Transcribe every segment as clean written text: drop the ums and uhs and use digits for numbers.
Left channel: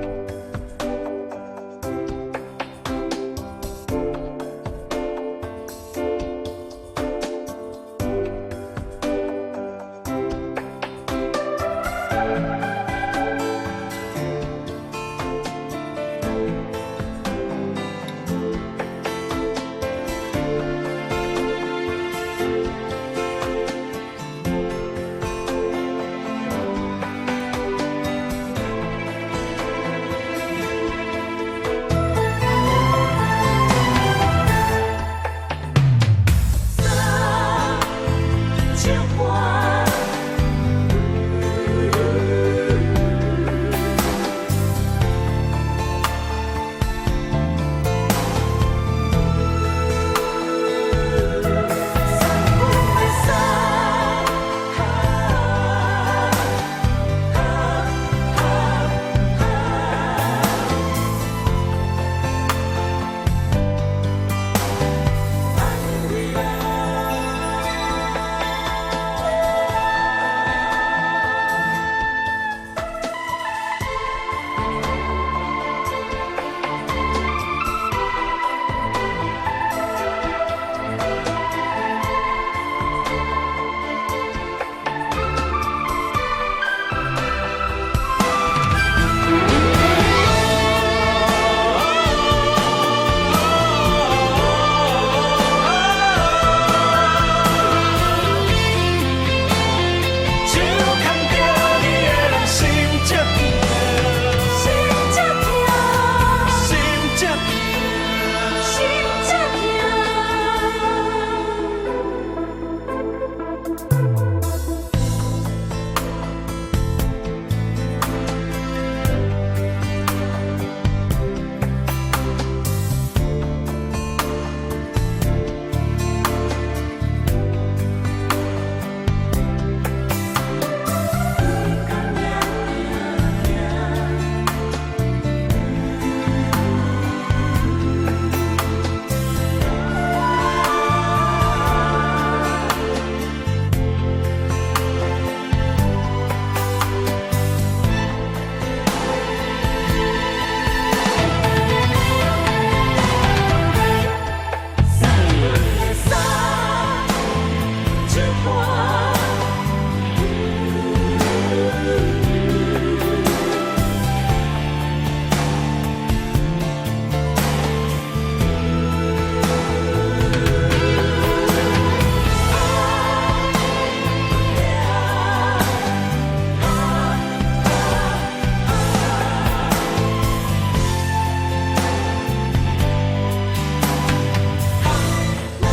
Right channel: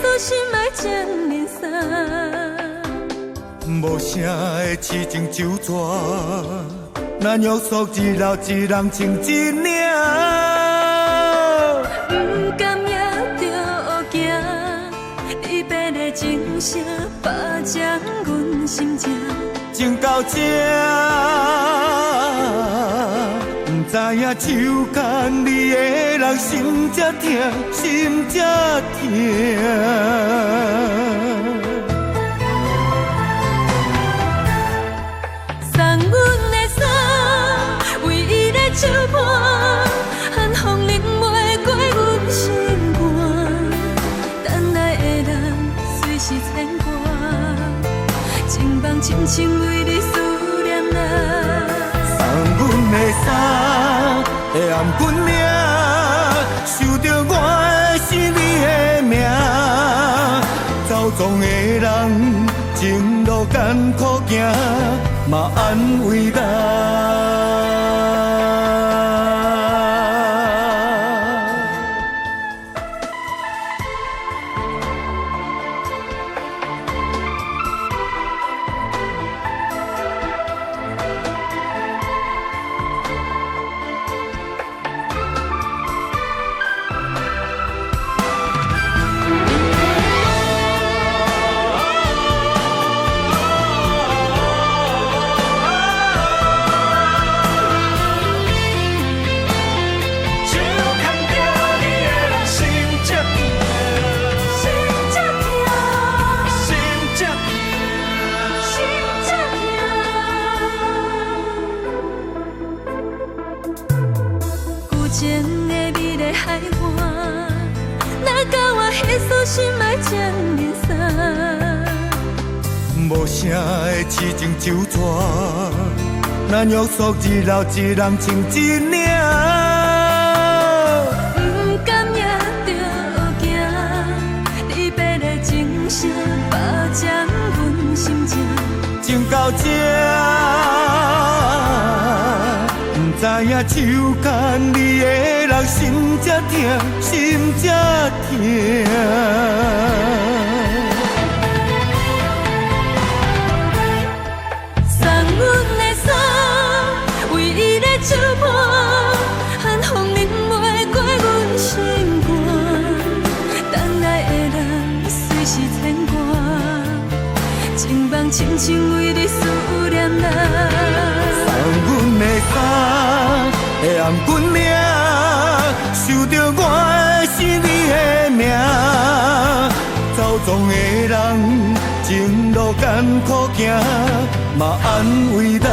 所心爱情人衫。无声的痴情酒泉，那约束一老一人情一领。不甘也着行，离别的钟声，霸占阮心情。情到这，不知影手牵你的人心才痛，心才痛。送阮的伞，为伊的手伴，寒风淋袂过阮心肝。等来的人随时牵挂，情梦深深为你思念啊。送阮的伞，会暗阮领，受着我是你的命。走总的人，情路艰苦行，嘛安慰咱。心爱情人衫，无声的痴情酒泉，那约束一老一人情一领。不甘也着行，离别的钟声，霸占阮心情。情到这，不知影手牵你的人心才痛，心才痛。送阮的伞，为伊的手伴，寒风淋袂过阮心肝。等来的人随时牵挂，情梦深深为你思念啊。送阮的伞，会暗阮领，受着我是你的命。走总的人，情路艰苦行，嘛安慰咱。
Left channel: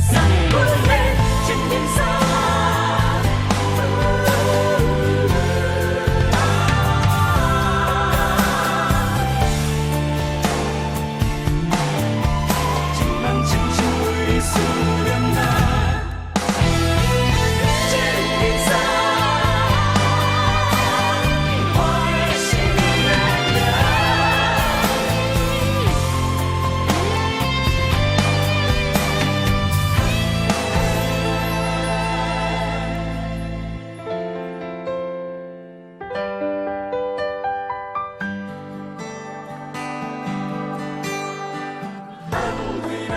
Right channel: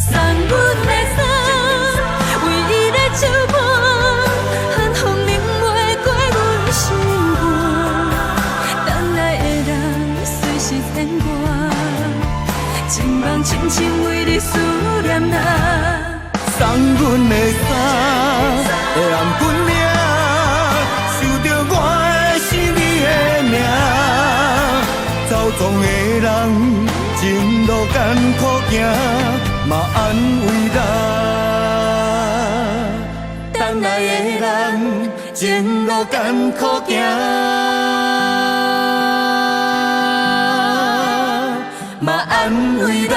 送阮的伞，为伊的手伴，寒风淋袂过阮心肝。等来的人随时牵挂，情梦深深为你思念啊。送阮的伞，会暗阮领，受着我是你的命。走总的人，情路艰苦行，嘛安慰咱。等来的人，情路艰苦行，嘛安慰咱。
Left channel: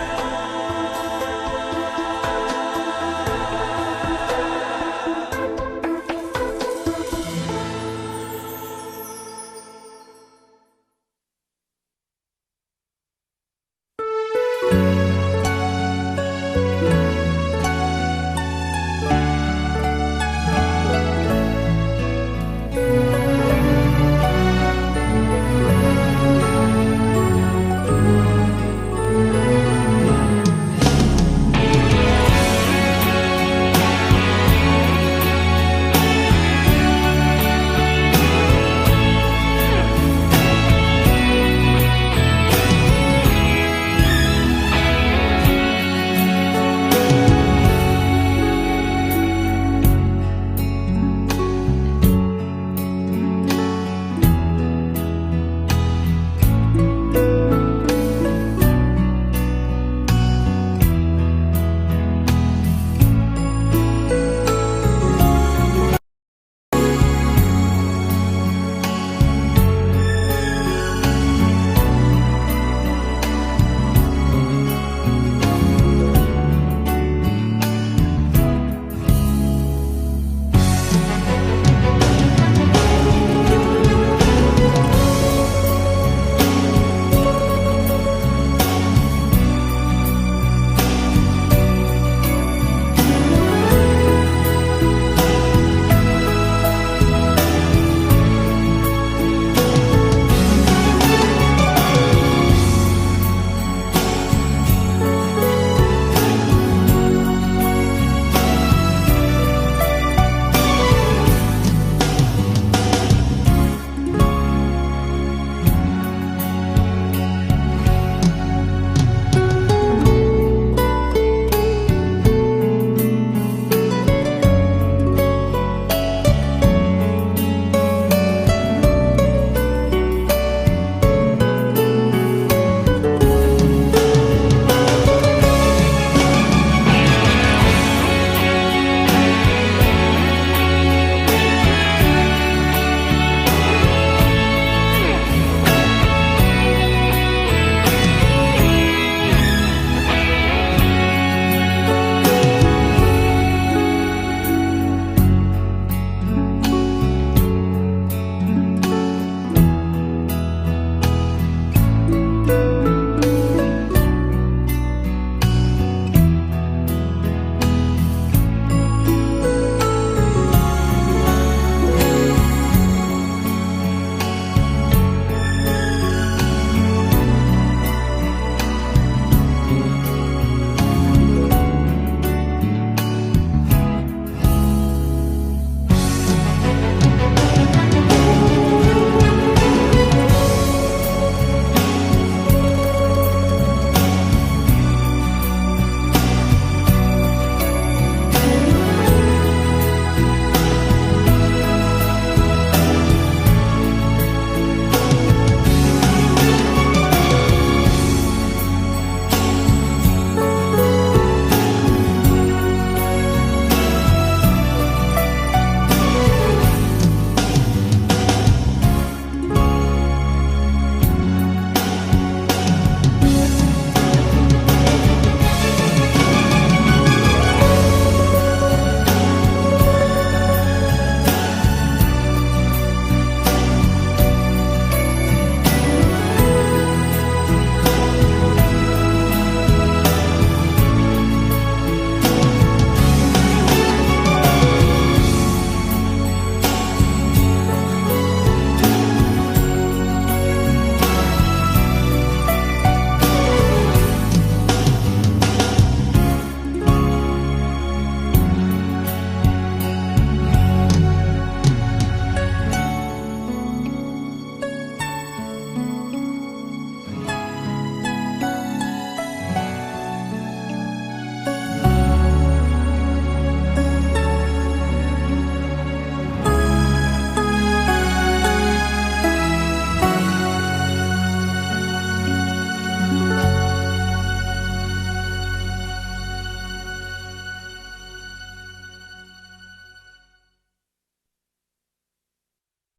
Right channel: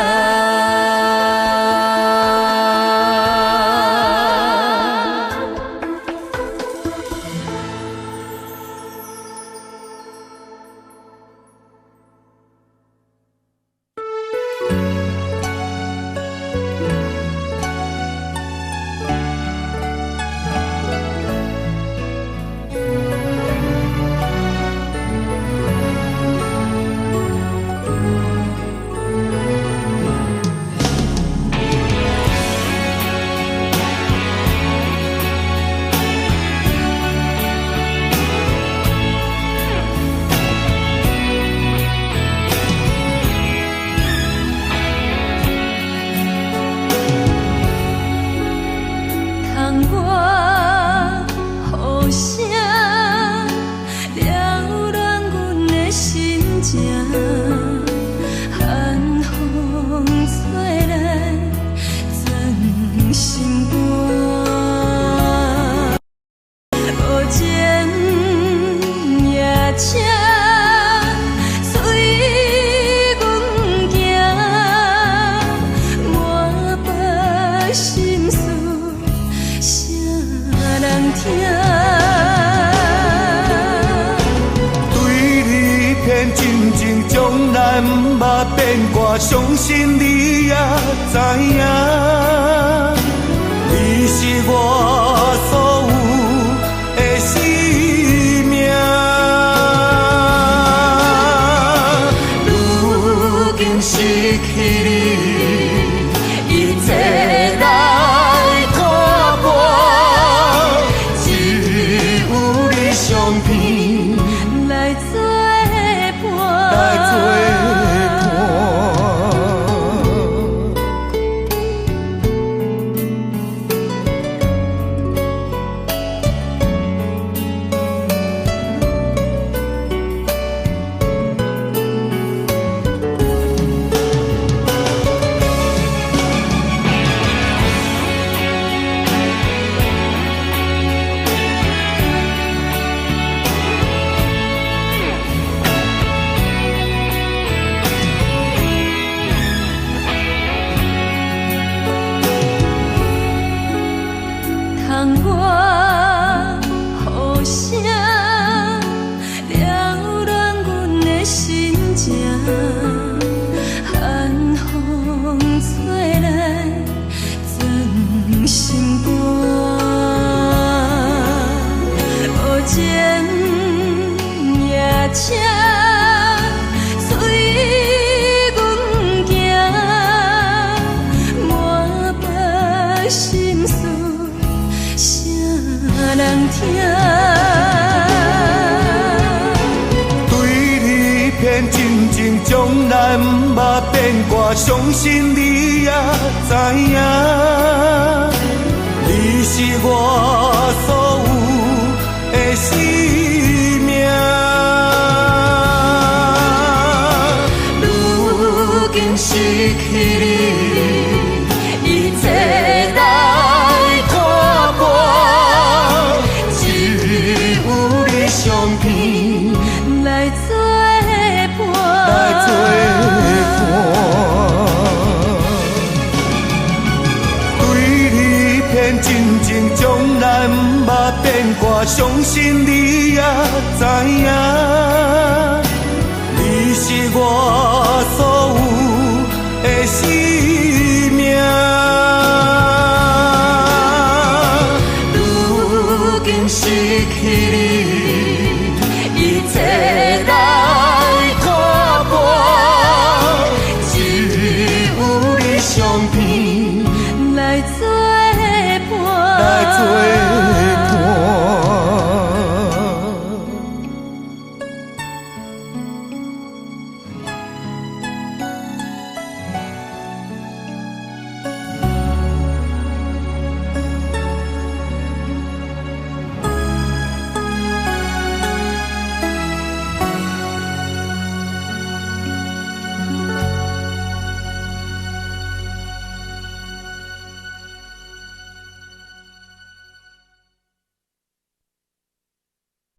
心。